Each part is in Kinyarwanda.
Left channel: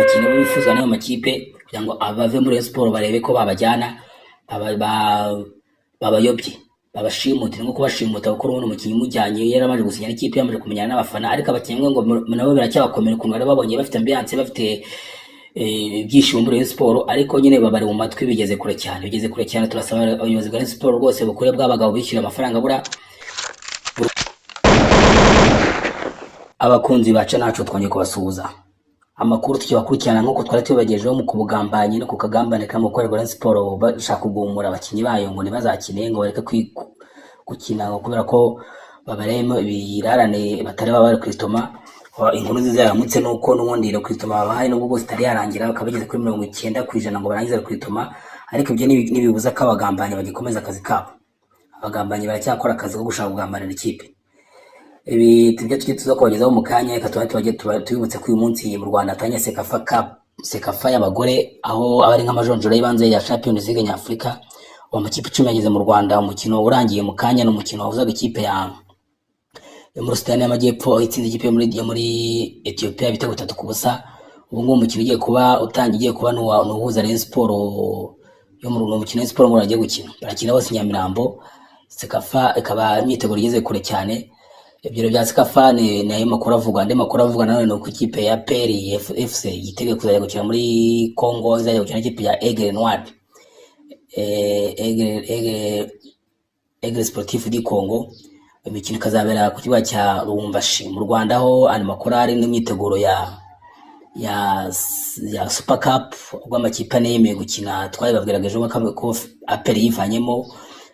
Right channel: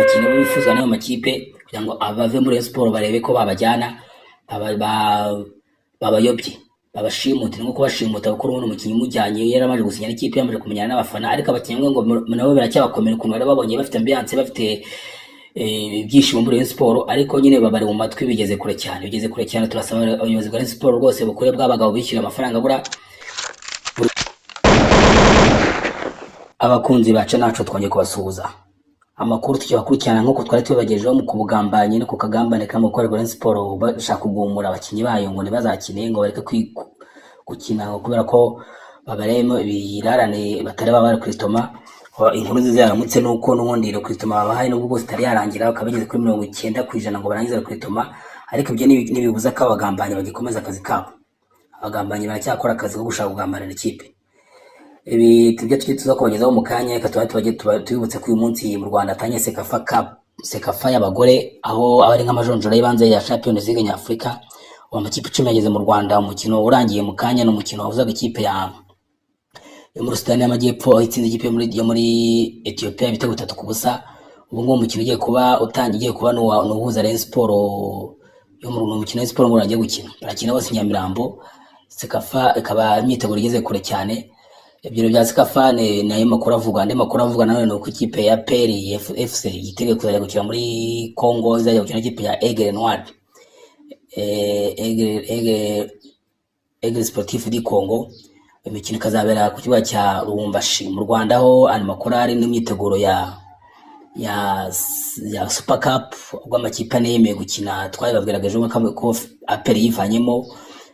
abakinnyi bo bifuzwa n'ayo makipe kugira ngo abave muri Rayon Sport barebe ko babajyana babayobye babashimute nko kubashimuta kuko urubuno umukinnyi umujyanye yaramaje gusinya n'ikipe yamaze kumenyana n'abafana ariko abakinnyi ngo nabo biracyabakomera ukuntu bari babonye bafite ambiance bafite ibyishimo muri Rayon Sport ariko nyine babari mu matwi bigeze kure cyane turasaba abayobozi bwa Rayon Sport rwose bukure bw'abagabo bishyura amafaranga bura abakunzi baca naco twongeye kubasuhuza amakuru tukibakurikirana nkuko twari tubagejejeho mu kubugambanye no kukagambane k'amakorerwa Rayon Sport bashaka kugumura abakinnyi bayo ngo ntibazakine ngo bareke gukina kubera ko babaremo ibirarane batari babare Kristoma inkuru nziza yaramutse nuko n'ubundi Kristoma babahaye n'ubwo bose itari yarangira bakabigeze kuri 90% ngo barangize Kristoma ariko ibyo nibibuza ko abagambanye bagikomeza akazi kabo abagambanye baracyakora akazi ko gushaka kugambanira ikipe ibi tujye tuza kubagezaho mu kanya reka tubibutse ko uyu munsi mu Rwanda atanye Sekafa y'abagore aho ari nk'amajonjora y'ibanze ya Champions League nyafrika wa makipe 10 yageze mu Rwanda umukino urangiye mu kanya n'umukino wavuzaga ikipe yo muri Sudani y'Amajyepfo itsinze ikipe yo muri Ethiopia ibitego 3-0 ubu ngubu umukino ugiye kuba n'uhuza Rayon Sport yo mu mukino Rayon Sport ngo agiye gukina barakina bose Nyamirambo Sekafa ikaba imyiteguro igeze kure cyane ibyo bya Sekafa ni ayo makuru avuga nawe no ku ikipe ya Peri FC yitege kuzajya gukina muri Congo izajya gukina ikipe ya Aigle Noir Aigle Sportif du Congo imikino kazabera ku kibuga cya Lubumbashi mu Rwanda aho ari makuru ari n'imyiteguro ya Super Cup ubwo amakipe ane yemeye gukina twabibabwirageje ko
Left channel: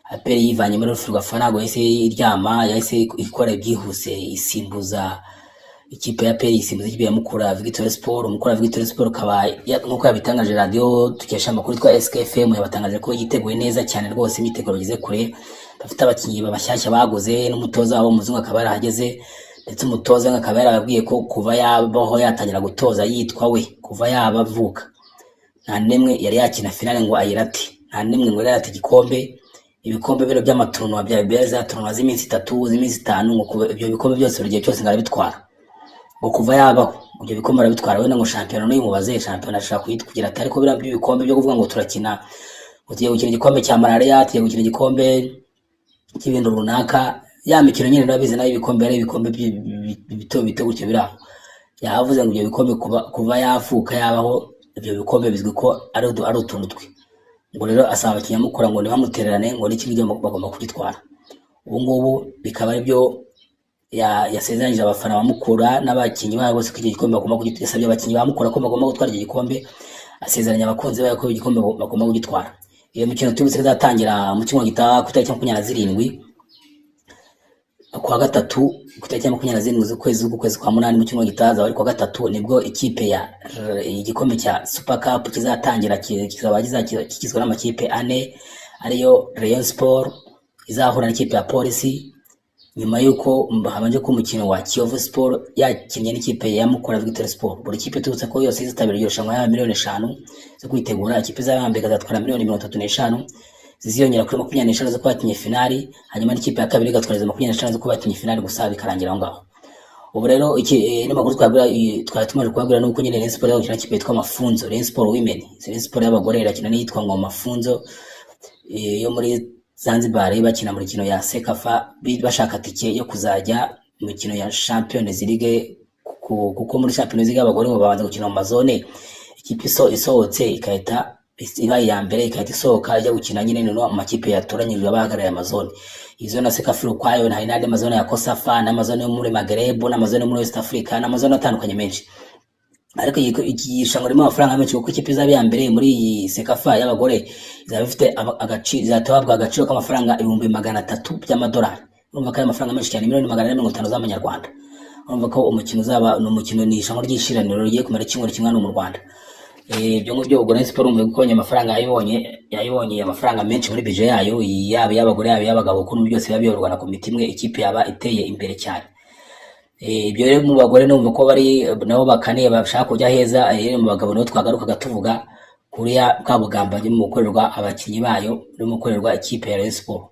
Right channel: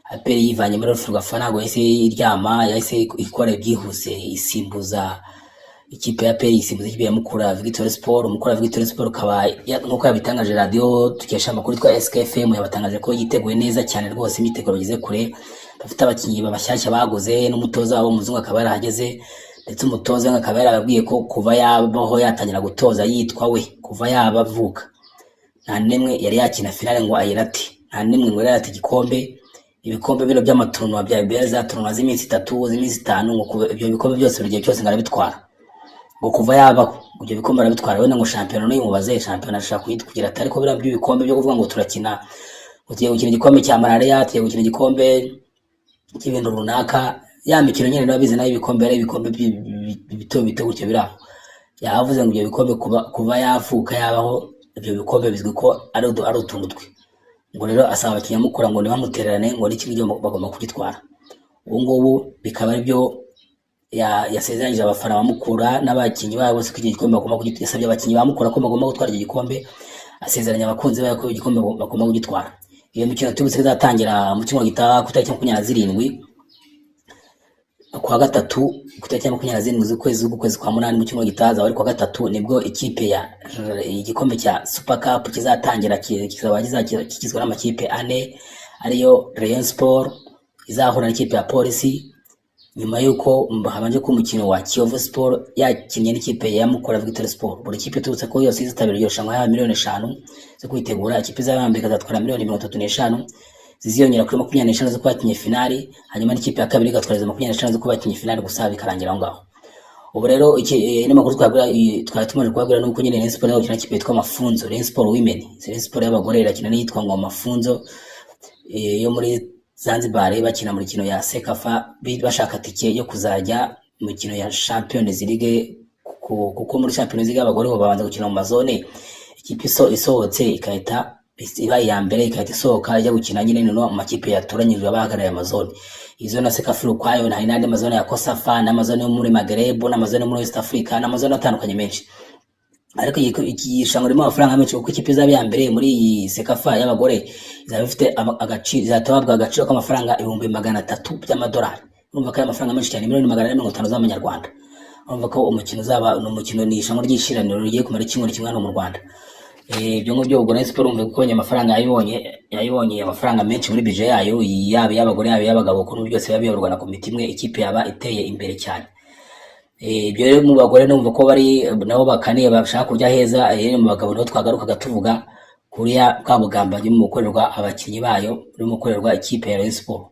Aperi yivanyemo muri Ferwafa ntabwo yahise iryama yahise ikora ibyihuse isimbuza ikipe ya Aperi isimbuza ikipe ya Mukura Victory Sport kaba nk'uko yabitangaje radio tukesha amakuru twa SKFM yabatangaje ko yiteguye neza cyane rwose imyiteguro bageze kure bafite abakinnyi babashyashya baguze n'umutoza wabo muzungu akaba yarahageze ndetse umutoza akaba yarababwiye ko kuva yabaho yatangira gutoza yitwa we kuva yabavuka nta nemwe yari yakina finale ngo ayirate nta nemwe ngo yarate igikombe ibikombe bino by'amaturunwa bya Beza turunwa z'iminsi 3 z'iminsi 5 ngo ibyo bikombe byose buri gihe cyose ngarabitwara ngo kuva yabaho ibyo bikombe arabitwara we ngo champion no yimubaze champion ashaka kugira atari ko birabyo ibikombe byo kuvuga ngo turakina ugiye gukina igikombe cya malaria tugiye gukina igikombe cy'ibintu runaka ya mikino nyine nabize nayo ibikombe ari ibikombe bito gutyo biraho yavuze ngo ibyo bikombe kuva yafuka yabaho ibyo bikombe bizwi ko ari utuntu twe ngo rero asaba abakinnyi mukora ngo nibamutererane ngo n'iki gihe bagomba kugitwara ubu ngubu bikaba ari byo yasezeranyije abafana bamukura n'abakinnyi babo bose kugira igikombe bagomba kugitwara abakinnyi bamukura ko bagomba gutwara iki gikombe asezeranya abakunzi babo ko igikombe bagomba kugitwara iyo mikino tubise izatangira mu cyumweru gitaha ku itariki 27 kuwa gatatu ku itariki 27 z'ukwezi kwa munani mu cyumweru gitaha ari kuwa gatatu nibwo ikipe ya igikombe cya Super Cup kizatangira kizaba kigizwe n'amakipe ane ariyo Rayon Sport izahura n'ikipe ya Police nyuma yuko habanje ko umukino wa Kiyovu Sport yakinnye n'ikipe ya Mukura Victory Sport buri kipe turutse ko yose izitabira iryo shamwa ya miliyoni 5 zo kwitegura ikipe z'abambere kazatwara miliyoni 35 ziziyongera kuri 25 zo kwakinye finali hanyuma n'ikipe ya kabiri gatwara 25 zo kwakinye finali gusa bikarangira aho ngaho ubu rero iki n'amakuru twari tumaze kubabwira nuko nyine Rayon Sport yakina ikipe yitwa Mafunzo Rayon Sport Women Rayon Sport y'abagore irakina n'iyitwa ngo Mafunzo yo muri Zanzibar bakina muri kino ya Sekafa bashaka tike yo kuzajya mu kino ya Champions League kuko muri Champions League abagore bo babanza gukina mu mazone ikipe isohotse ikahita iba ya mbere ikahita isohoka ijya gukina nyine no mu makipe yatoranyijwe abahagarariye amazone izo na Sekafa kwayo na inade mazone ya Kosafa na mazone yo muri Maghreb na mazone muri West Africa na mazone atandukanye menshi ariko ikishango rimo amafaranga menshi kuko ikipe z'abi ya mbere muri Sekafa y'abagore izaba ifite agaciro zatabwa agaciro k'amafaranga 300 by'amadolari urumva ko amafaranga menshi cyane 450 z'amanyarwanda urumva ko umukino uzaba n'umukino ni ishango ry'ishiraniro rigiye kumara icyumweru kimwe no mu Rwanda ibyo ngibyo ubwo Rayon Sport umwe kubonye amafaranga yayibonye amafaranga menshi muri budget yayo yaba y'abagore yaba y'abagabo kuko byose biyoborwa na komite imwe ikipe yaba iteye imbere cyane ibyo rero mu bagore numva ko bari nabo bakaniye bashaka kujya heza mu bagabo no twagaruka gatuvuga kuriya kabugamba mu gukorerwa abakinnyi bayo no gukorerwa ikipe ya Rayon Sport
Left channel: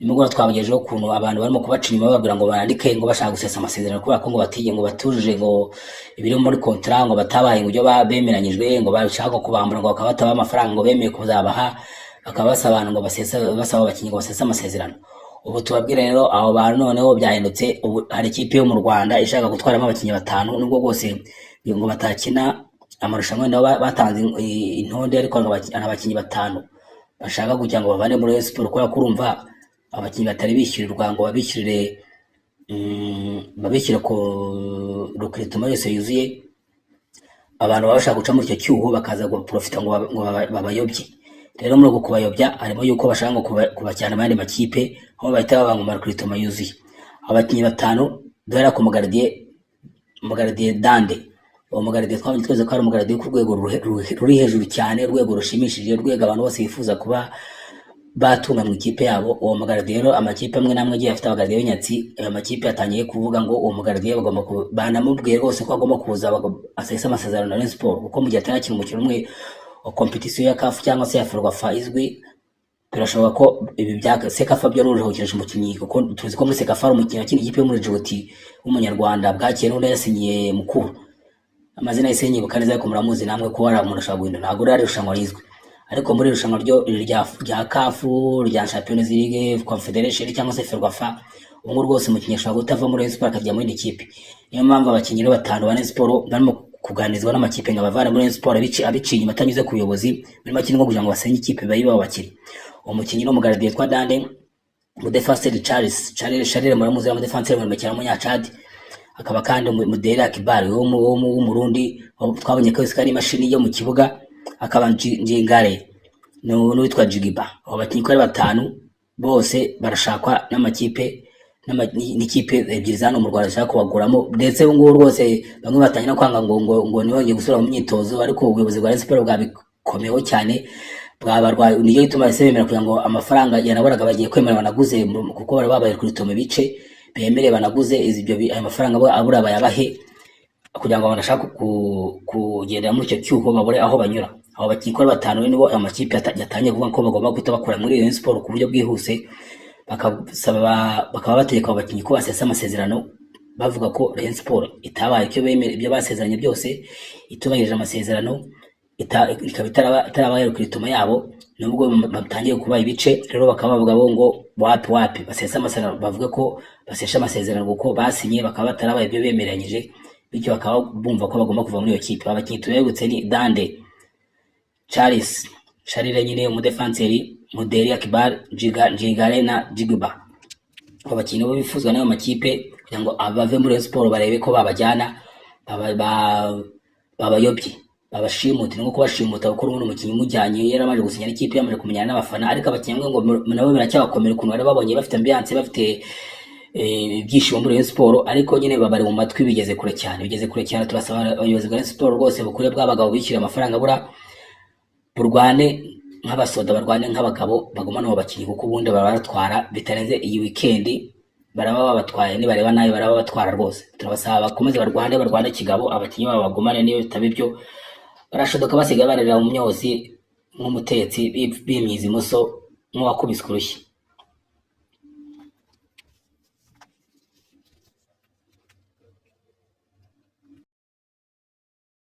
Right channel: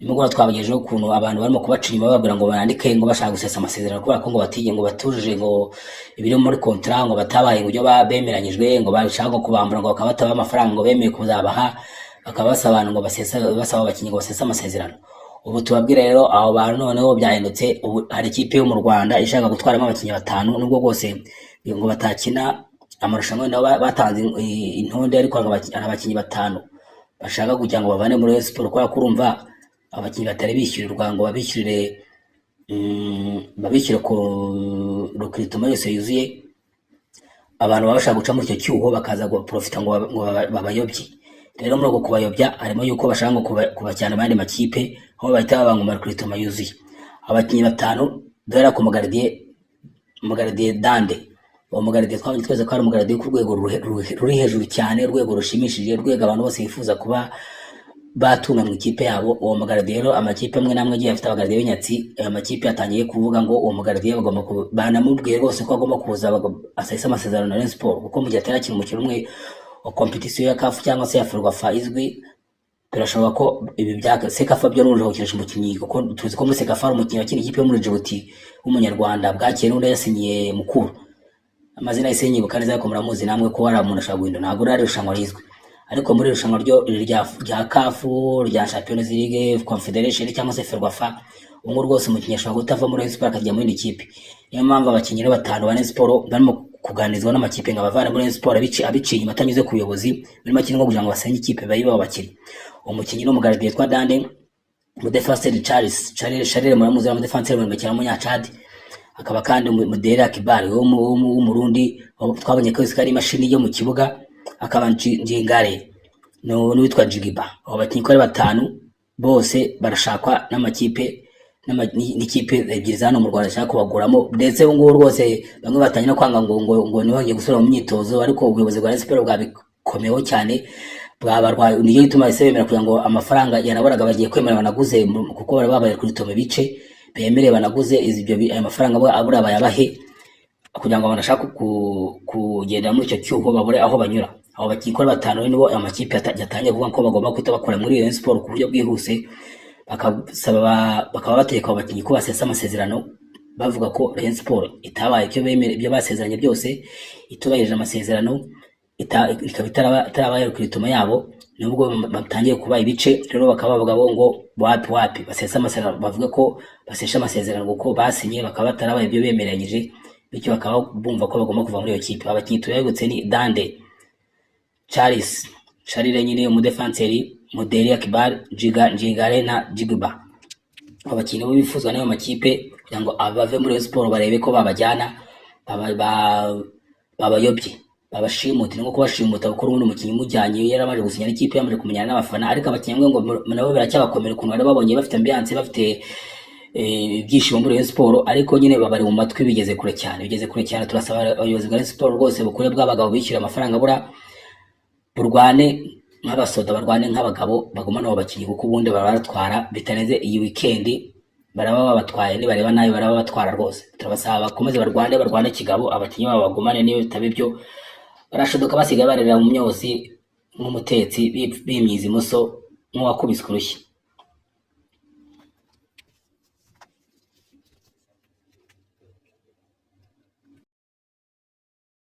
nimugora twabagejeho ukuntu abantu barimo kubaca inyuma bababwira ngo barandike ngo bashaka gusesa amasezerano kubera ko ngo batige ngo batujuje ngo ibiri muri kontra ngo batabaye ngo ibyo bemeranyijwe ngo bashaka ngo kubambura ngo bakaba batabaha amafaranga ngo bemeye kuzabaha, bakaba basaba abantu ngo basaba abakinnyi ngo basese amasezerano. Ubu tubabwira rero aho bantu noneho byahindutse. Ubu hari ikipe yo mu Rwanda ishaka gutwaramo abakinnyi 5 nubwo bwose ngo batakina amarushanwa nabo batanze intonde, ariko ngo abakinnyi 5 bashaka kugira ngo bavane muri Rayon Sports kubera ko urumva abakinnyi batari bishyurirwa ngo babishyire ku recruitment yose yuzuye, abantu baba bashaka guca muri icyo cyuho bakaza ngo profita ngo babayobye. Rero muri uko kubayobya harimo yuko bashaka ngo kubajyana abandi makipe aho bahita babanga mu recruitment yuzuye. Abakinnyi 5 dore ko Mugardier Dande, uwo Mugardier twabonye twese ko ari Mugardier ku rwego ruri hejuru cyane, urwego rushimishije, urwego abantu bose bifuza kuba batunga mu ikipe yabo. Uwo Mugardier rero amakipe amwe namwe agiye afite abagardier b'inyatsi, amakipe yatangiye kuvuga ngo uwo Mugardier bagomba banamubwiye rwose ko agomba kuza asesa amasezerano na Rayon Sports, kuko mu gihe atarakina umukino umwe wa competition ya CAF cyangwa se ya Ferwafa izwi, turashobora ko ibi bya Sekafa byo n'uje gukinisha umukinnyi, kuko tuzi ko muri Sekafa ari umukinnyi wakina ikipe yo muri Djibouti w'umunyarwanda bwakiye n'undi yasinyiye Mukuru, amazina yise nyibuka neza ariko muramuzi namwe ko ari umuntu ashaka guhindura, ntabwo ari irushanwa rizwi. Ariko muri irushanwa ryo rya CAF, rya Champions League, Confederation cyangwa se Ferwafa, ubu rwose umukinnyi ashobora gutava muri Rayon Sports akajya muri indi kipe. Niyo mpamvu abakinnyi 5 ba Rayon Sports barimo kuganizwa n'amakipe ngo abavane muri Rayon Sports abiciye inyuma atanyuze ku buyobozi muri make ngo kugira ngo basenye ikipe bayiba abakinnyi. Umukinnyi no Mugardier twa Dande, mu defenseur Charles muramuzi wa defenseur mu bakina mu Nyachad, akaba kandi Mudera Kibali wo mu Burundi twabonye ko ari imashini yo mu kibuga, akaba Njingare n'uwitwa Jigiba. Abo bakinnyi ko ari 5 bose barashakwa n'amakipe n'ikipe ebyiri zano mu Rwanda zishaka kubaguramo, ndetse ngo rwose bamwe batangira kwanga ngo niho bagiye gusubira mu myitozo, ariko ubuyobozi bwa Rayon Sports bwabikomeyeho cyane, bwabarwa niyo ituma ese bemera kugira ngo amafaranga yanaboraga bagiye kwemera banaguze, kuko bari babaye kuri tume bice bemereye banaguze ibyo ayo mafaranga abura bayabahe kugira ngo banashaka kugenda muri icyo cyuho babure aho banyura. Abo bakinnyi 5 nibo amakipe yatangiye kuvuga ko bagomba kwita bakora muri Rayon Sports ku buryo bwihuse, bakaba bategeka abakinnyi ko basesa amasezerano, bavuga ko Rayon Sports itabaye icyo bemera ibyo basezeranye byose, itubahirije amasezerano, ikaba itarabaye recruitment yabo, nubwo batangiye kuba ibice. Rero bakaba bavuga ngo wapi basesa amasezerano, bavuga ko basesha amasezerano kuko basinye bakaba batarabaye ibyo bemeranyije, bityo bakaba bumva ko bagomba kuva muri iyo kipe. Abakinnyi tuyegutse ni Dande, Charles nyine umudefenseri, Muderi Akbar, Njingare na Jigiba. Abakinnyi bo bifuzwa n'ayo makipe kugira ngo abave muri Rayon Sports barebe ko babajyana babayobye, babashimutire nko kubashimuta kuko urundi umukinnyi mujyanye yaramaje gusinya n'ikipe yamaje kumenyana n'abafana, ariko abakinnyi ngo nabo biracyabakomera ukuntu bari babonye bafite ambiance, bafite ibyishimo muri Rayon Sports, ariko nyine babari mu matwi bigeze kure cyane. Turasaba abayobozi bwa Rayon Sports rwose bukure bw'abagabo bishyura amafaranga abura, burwane nk'abasoda, barwane nk'abagabo, bagumana abo bakinnyi kuko ubundi barabatwara bitarenze iyi weekend, baraba babatwaye nibareba nayo baraba batwara rwose. Turabasaba bakomeze barwane kigabo, abakinnyi babo bagumane, niyo bitaba ibyo barashodoka basigaye barerera mu myotsi nk'umutetsi bimyiza imoso nk'uwakubiswe urushyi.